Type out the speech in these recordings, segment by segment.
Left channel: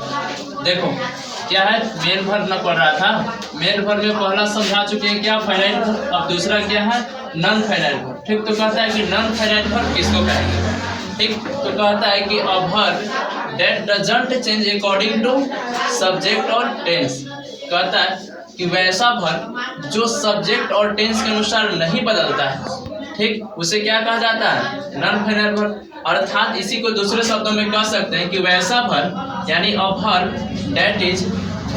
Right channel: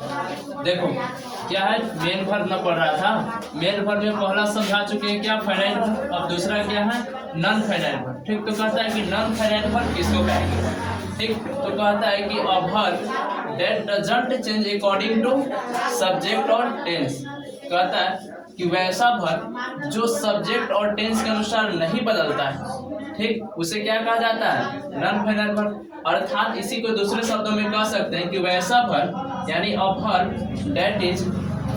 देखो क्या है, मेन वर्ब में पढ़ रहा था। मेन वर्ब में पहला समझा चुके हैं क्या, फाइनाइट वर्ब। अब दूसरा क्या है, नॉन फाइनाइट वर्ब। ठीक, तो कहता है कि नॉन फाइनाइट वर्ब किसको कहेंगे। ठीक, तो कहता है कि a verb that doesn't change according to subject और टेंस। कहता है कि वैसा वर्ब जो सब्जेक्ट और टेंस के अनुसार नहीं बदलता है, ठीक, उसे क्या कहा जाता है, नॉन फाइनाइट वर्ब। अर्थात इसी को दूसरे शब्दों में कह सकते हैं कि वैसा वर्ब यानी a verb that is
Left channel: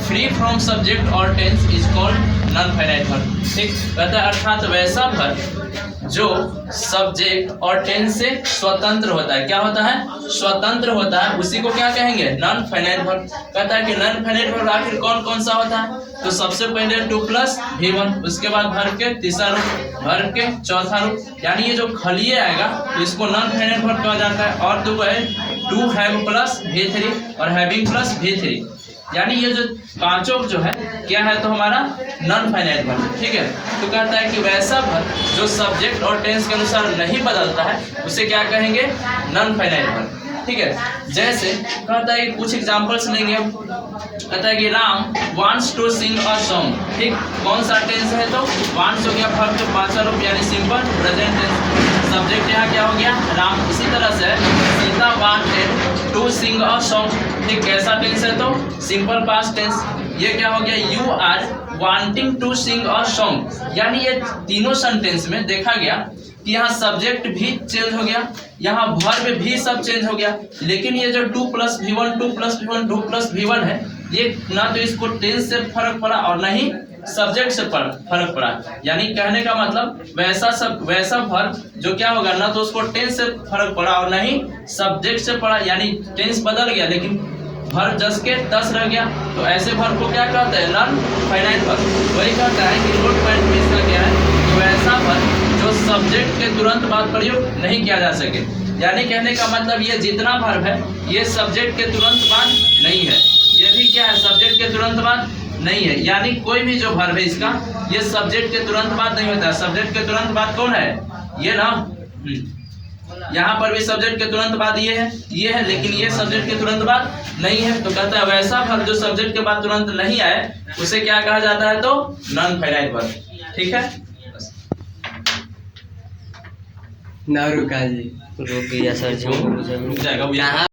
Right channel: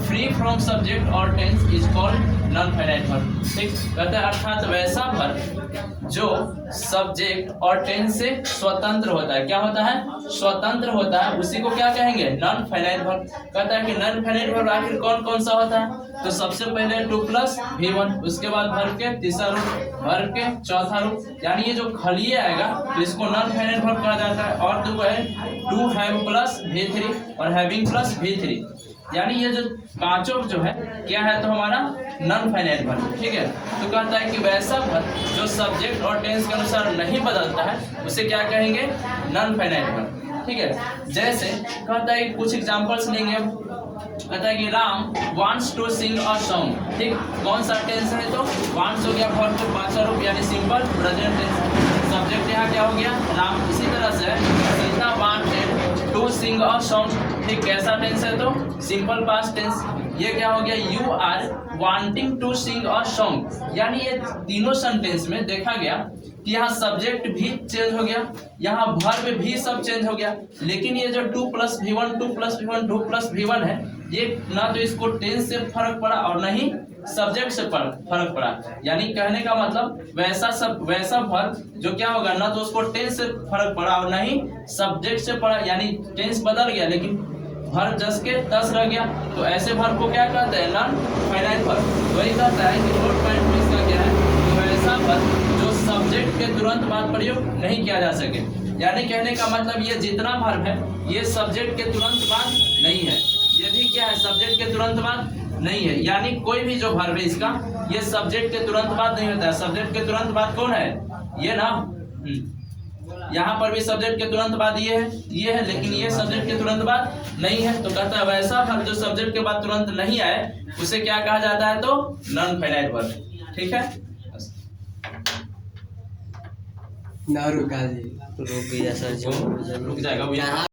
free from subject और tense is called non finite verb. ठीक, कहता है अर्थात वैसा वर्ब जो सब्जेक्ट और टेंस से स्वतंत्र होता है। क्या होता है, स्वतंत्र होता है, उसी को क्या कहेंगे, नॉन फाइनाइट वर्ब। कहता है कि नॉन फाइनाइट वर्ब आखिर कौन कौन सा होता है, तो सबसे पहले 2+V1, उसके बाद वर्ब के तीसरा रूप, वर्ब के चौथा रूप, यानी ये जो खलिए आएगा तो इसको नॉन फाइनाइट वर्ब कहा जाता है। और तो है टू हैव प्लस V3 और हैविंग प्लस V3, यानी ये जो पांचों जो है क्या है, तो हमारा नॉन फाइनाइट वर्ब। ठीक है, तो कहता है कि वैसा वर्ब जो सब्जेक्ट और टेंस के अनुसार नहीं बदलता है उसे क्या कहेंगे, नॉन फाइनाइट वर्ब। ठीक है, जैसे कहता है कुछ एग्जांपल्स लेंगे हम। कहता है कि Ram wants to sing a song. ठीक, कौन सा टेंस है, तो वांट्स हो गया वर्ब के पांचवा रूप यानी सिंपल प्रेजेंट टेंस। सब्जेक्ट यहाँ क्या हो गया, राम। इसी तरह से Sita wanted to sing a song. ठीक, कैसा टेंस है, तो सिंपल पास्ट टेंस। ये क्या हो गया, you are wanting to sing a song, यानी ये तीनों सेंटेंस में देखा गया कि यहाँ सब्जेक्ट भी चेंज हो गया, यहाँ वर्ब भी सब चेंज हो गया, लेकिन ये जो 2+V1 2+V1 है, ये ना तो इसको टेंस से फर्क पड़ा और न ही सब्जेक्ट से फर्क पड़ा। यानी कहने का मतलब वैसा वर्ब जो क्या होगा, ना तो उसको टेंस से फर्क पड़ा और न ही सब्जेक्ट से पड़ा, यानी टेंस बदल गया लेकिन वर्ब जस के तस रह गया। तो ऐसे वर्ब को क्या कहते हैं, नॉन फाइनाइट वर्ब। वही कहता है कि नोट पॉइंट में इसका क्या है, कि वैसा वर्ब जो सब्जेक्ट के तुरंत बाद प्रयोग नहीं किया जा सके। यानी कहने का मतलब ये जितना वर्ब है ये सब्जेक्ट के तुरंत बाद नहीं है, ये भी क्या है, सब्जेक्ट के तुरंत बाद नहीं है। यानी कोई भी जो वर्ब है इसका ये सब्जेक्ट के तुरंत बाद नहीं होता है। सब्जेक्ट के तुरंत बाद कौन है, ये ना, यहाँ पर भी सब्जेक्ट के तुरंत बाद ये है, लेकिन ये सब्जेक्ट के तुरंत बाद नहीं है। तो कहता है वैसा वर्ब जो सब्जेक्ट के बाद तुरंत नहीं आए उसे क्या कहा जाता है, तो नॉन फाइनाइट वर्ब। ठीक है, ना रुका जी, रुक गया सर जी, रुक जाएगा।